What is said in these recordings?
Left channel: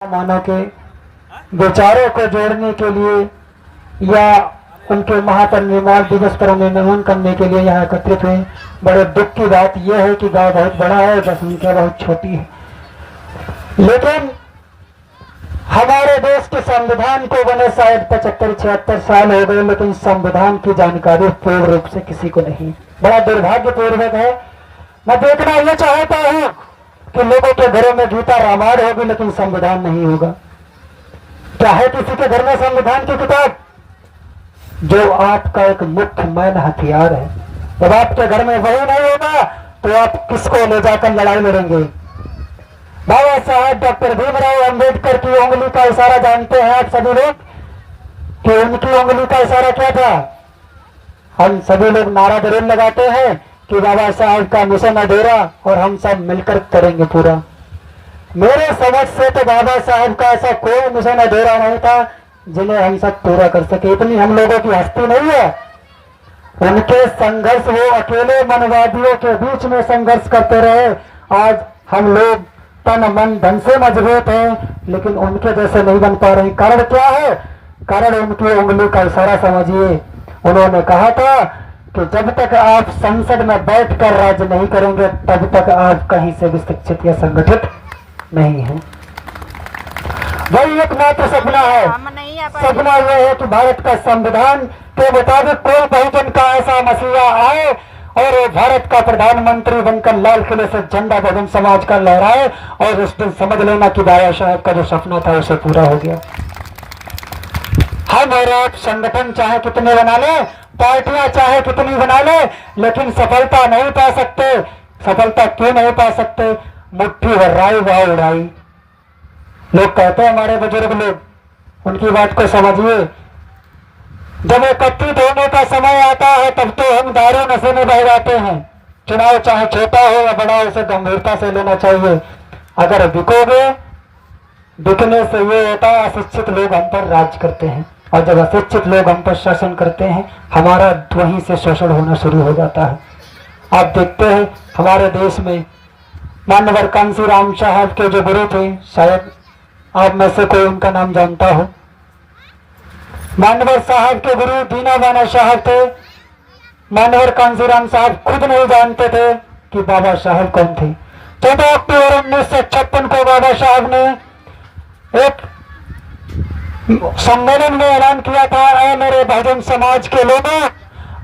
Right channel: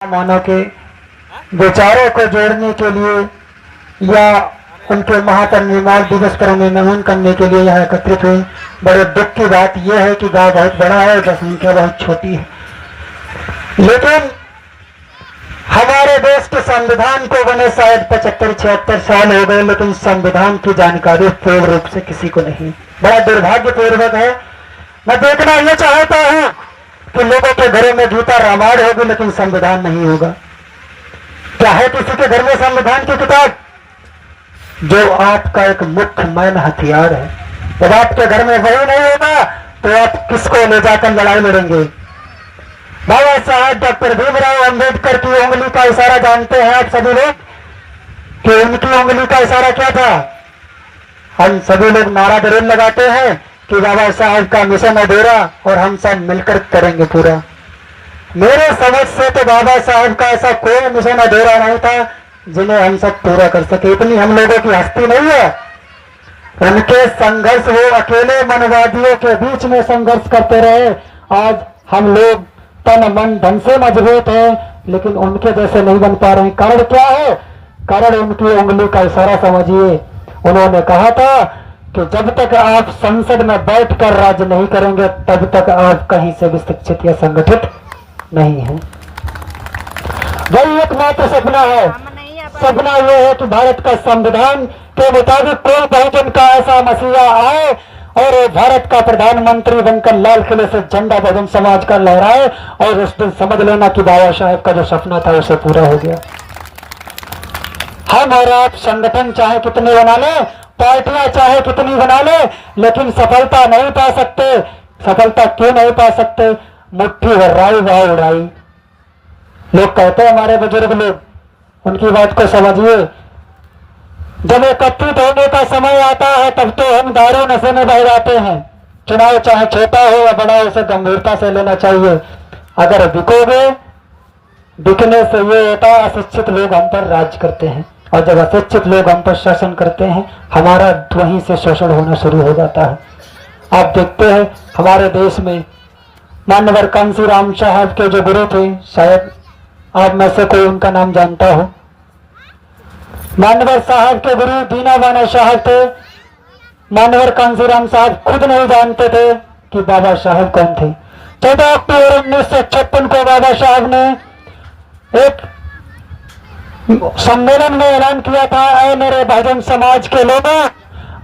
मानव के विचारों को जोड़ने के लिए या उनके महापरिनिर्वाण दिवस पर उन्हें नमन करने के लिए यहाँ एकत्रित हुए। बड़े दुख की बात यह है कि गांव बहुत बड़ा है और जनसंख्या बहुत छोटी है, लेकिन हमारे देश के संविधान को बने शायद 75-76 साल हो गए, लेकिन संविधान की जानकारी पूर्ण रूप से किसी को नहीं। बड़ा दुर्भाग्यपूर्वक है। मैं देखना यह चाहता हूँ कि लोगों के घरों में गीता रामायण होगी लेकिन संविधान नहीं होगा। क्या है किसी के घर में संविधान की किताब? जो आपका एक मुख्य मैन हथियार है। जब आपके घर में वही नहीं होगा तो आप किसको ले जाकर लड़ाई लड़ेंगे? बाबा साहब डॉक्टर भीमराव अंबेडकर की उंगली का इशारा जानते हैं आप सभी लोग कि उनकी उंगली का इशारा क्या था? हम सभी लोग नारा जरूर लगाते हैं कि बाबा साहब का मिशन अधूरा और हम सब मिलकर करेंगे पूरा। मेरे समझ से तो बाबा साहब का ऐसा कोई मिशन अधूरा नहीं था जिन्हें हम सब पूरा कर सके। इतनी हम लोगों की हस्ती नहीं है। उनके संघर्ष, वो अकेले मनवादियों के बीच में संघर्ष करते रहे। आज हम लोग तन मन धन से मजबूत हैं, लेकिन उनके जैसे नहीं बन पा रहे हैं। कारण क्या है? कारण उनकी उंगली का इशारा समझिए। उन्होंने कहा था कि जब तक आप संसद में बैठकर राज्य नहीं करेंगे तब तक आप कहीं से भी शिक्षित या संगठित नहीं है। वही एकमात्र सपना है। सपना यह है कि भारत का संविधान के मुताबिक कोई बहुजन का ऐसा मसीहा आए और वो भारत का प्रधानमंत्री बनकर लाल किले से झंडा बहुजन समाज का लहराए, और उस दिन समझ लेना कि बाबा साहब का जो सपना था उसे पूरा हो गया। हम और आप संगठन चाहे कितने बना ले, पार्टियां चाहे कितनी बना ले, लेकिन सफलता नहीं पा सकते। सफलता क्यों नहीं पा सकते? मुट्ठी भर राई वाह उड़ाई। लोग कहते हैं, हमारे बुजुर्ग लोग, उनकी बात को समझिए। जब एकत्रित होने का समय आता है तब तो हम दारू नशे में बह जाते हैं। चुनाव चाहे छोटा हो या बड़ा, उसे गंभीरता से लेना चाहिए। अगर बिकोगे, बिकने से ये होता है अशिक्षित लोग हम पर राज करते हैं, और जब अशिक्षित लोग हम पर शासन करते हैं हमारा वहीं से शोषण होना शुरू हो जाता है। आप देखते हैं हमारे देश में मानवर कांसीराम साहब के जो गुरु थे, शायद आप में से कोई उनका नाम जानता हो। मानवर साहब के गुरु दीनावाना साहब थे। मानवर कांसीराम साहब खुद नहीं जानते थे कि बाबा साहब कौन थे। 14 अक्टूबर 1956 को बाबा साहब ने एक सम्मेलन में ऐलान किया था, ऐ मेरे बहुजन समाज के लोगों,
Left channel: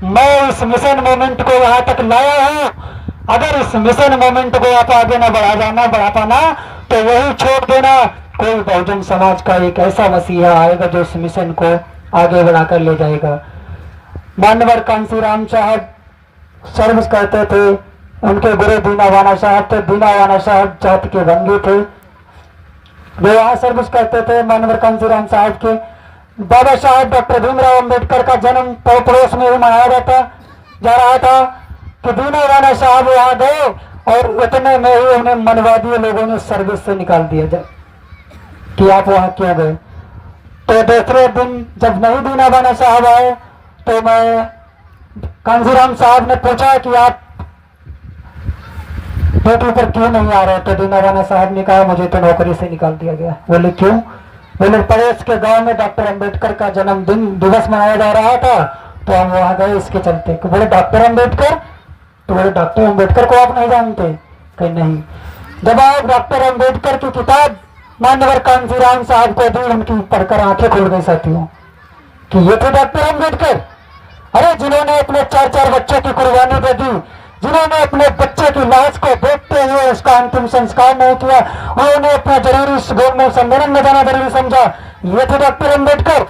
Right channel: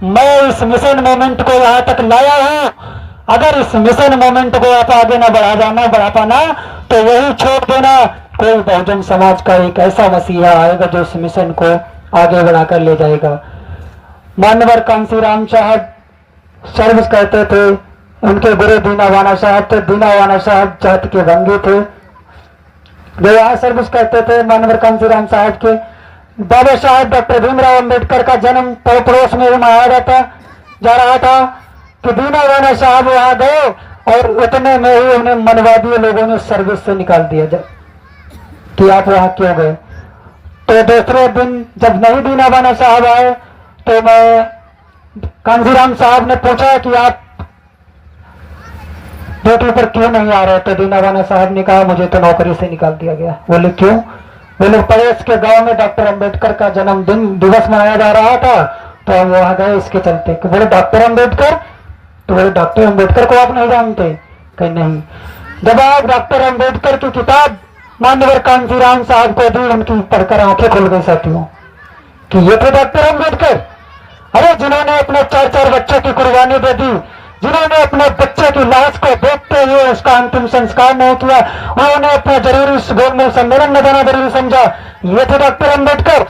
मैं इस मिशन मूवमेंट को यहाँ तक लाया हूँ। अगर इस मिशन मूवमेंट को आप आगे न बढ़ा पाना तो वही छोड़ देना। कोई बहुजन समाज का एक ऐसा मसीहा आएगा जो इस मिशन को आगे बढ़ाकर ले जाएगा। मानवर कांसीराम साहब सर्विस करते थे। उनके गुरु दीनावाना साहब थे। दीनावाना साहब जाति के भंगी थे, वे यहाँ सर्विस करते थे मानवर कांसीराम साहब के। बाबा साहब डॉक्टर भीमराव अंबेडकर का जन्म पड़ोस में ही मनाया जा रहा था कि दीनावाना साहब वहां गए और इतने में ही उन्हें मनवादी लोगों ने सर्विस से निकाल दिया कि आप वहां क्यों गए। तो दूसरे दिन जब नहीं दीनावाना साहब आए तो मैं कांसीराम साहब ने पूछा कि आप ड्यूटी पर क्यों नहीं आ रहे? तो दीनावाना साहब ने कहा, मुझे तो नौकरी से निकाल दिया गया। बोले क्यों? बोले पड़ोस के गांव में डॉक्टर अंबेडकर का जन्मदिन दिवस मनाया जा रहा था तो हम वहां गए इसके चलते। बोले डॉक्टर अंबेडकर? तो बोले डॉक्टर अंबेडकर को आप नहीं जानते? कहीं नहीं। जब आप डॉक्टर अंबेडकर की किताब मानवर कांसीराम साहब को दी, उनकी पढ़कर आंखें खुल गई साथियों कि ये थे डॉक्टर अंबेडकर। अरे जिन्होंने अपने 4-4 बच्चों की कुर्बानी दे दी, जिन्होंने अपने बच्चे की लाश को देखते हुए उसका अंतिम संस्कार नहीं किया, उन्होंने अपना जरूरी सम्मेलन में जाना जरूरी समझा, ये थे डॉक्टर अंबेडकर।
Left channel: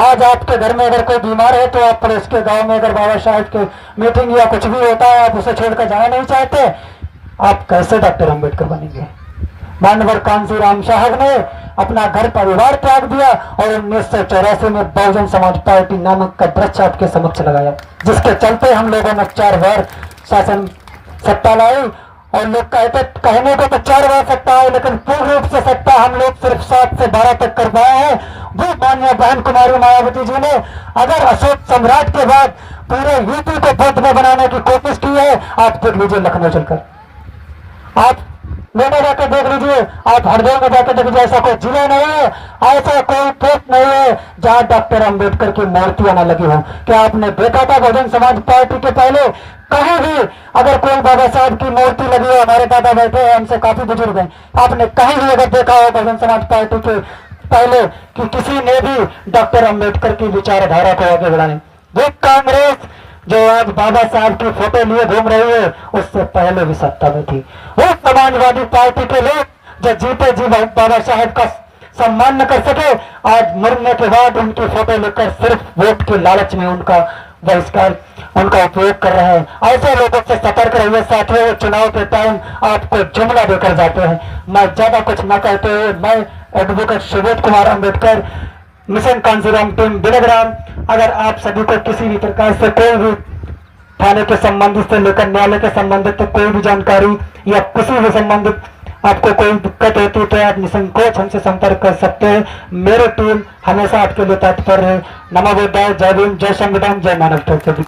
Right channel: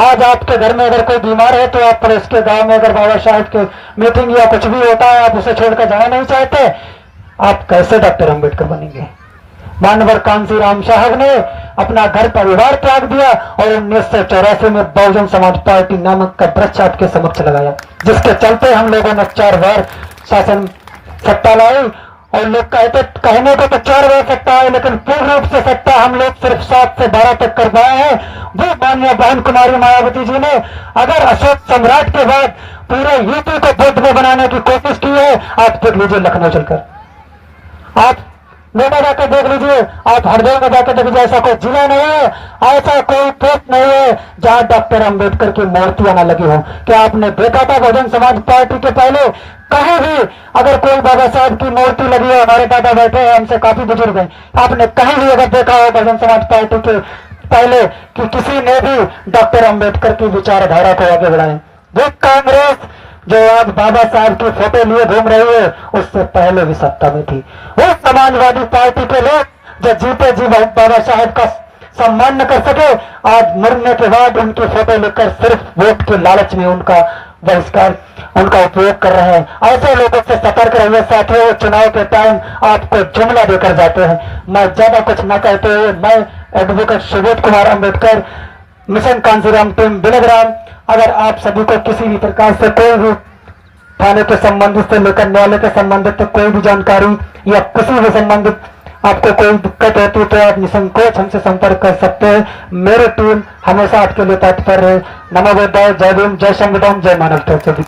आज आपके घर में अगर कोई बीमार है तो आप पड़ोस के गांव में अगर बाबा साहब के मीटिंग या कुछ भी होता है आप उसे छोड़कर जाना नहीं चाहते, आप कैसे डॉक्टर अंबेडकर बनेंगे? मानवर कांसीराम साहब ने अपना घर परिवार त्याग दिया और 1984 में बहुजन समाज पार्टी नामक का वृक्ष आपके समक्ष लगाया, जिसके चलते हम लोगों ने 4 बार शासन सत्ता लाई। और लोग कहने को तो 4 बार सत्ता है, लेकिन पूर्ण रूप से सत्ता हम लोग सिर्फ 7 से 12 तक कर पाए हैं। वो माननीय बहन कुमारी मायावती जी ने अगर अशोक सम्राट के बाद पूरे यूपी को बुद्ध में बनाने की कोशिश की है, आप देख लीजिए लखनऊ चलकर। आप लेने जाकर देख लीजिए, आप हरिद्वार में जाकर देख लीजिए, ऐसा कोई जिला नहीं है, ऐसा कोई पोस्ट नहीं है जहां डॉक्टर अंबेडकर की मूर्तियां न लगी हो। क्या आपने देखा था बहुजन समाज पार्टी के पहले कहीं भी अगर कोई बाबा साहब की मूर्ति लगी है? हमारे दादा बैठे हैं, हमसे काफी बुजुर्ग हैं, आपने कहीं भी अगर देखा हो बहुजन समाज पार्टी के पहले कि किसी ने भी डॉक्टर अंबेडकर की विचारधारा को आगे बढ़ाए? वो कांग्रेस जो आज बाबा साहब की फोटो लिए घूम रही है, उससे पहले भी सत्ता में थी। वो समाजवादी पार्टी के लोग जो जीते जी बाबा साहब का सम्मान न कर सके, आज मरने के बाद उनकी फोटो लेकर सिर्फ वोट के लालच में उनका बहिष्कार, उनका उपयोग कर रहे हैं। ऐसे लोगों से सतर्क रहिए साथियों, चुनाव के टाइम आपको जुमला देकर जाते हैं। मैं ज्यादा कुछ न कहते हुए, मैं advocate Subodh Kumar Ambedkar, mission Kanshiram team Bilgram, अगर आप सभी को किसी भी प्रकार से कोई भी थाने के संबंधित से लेकर न्यायालय के संबंधित कोई भी जानकारी या किसी भी संबंधित आपको कोई दिक्कत होती है तो आप निसंकोच हमसे संपर्क कर सकते हैं। मेरी टीम हमेशा आपके लिए तत्पर है। नमो बुद्धाय, जय भीम, जय संविधान, जय मानवता।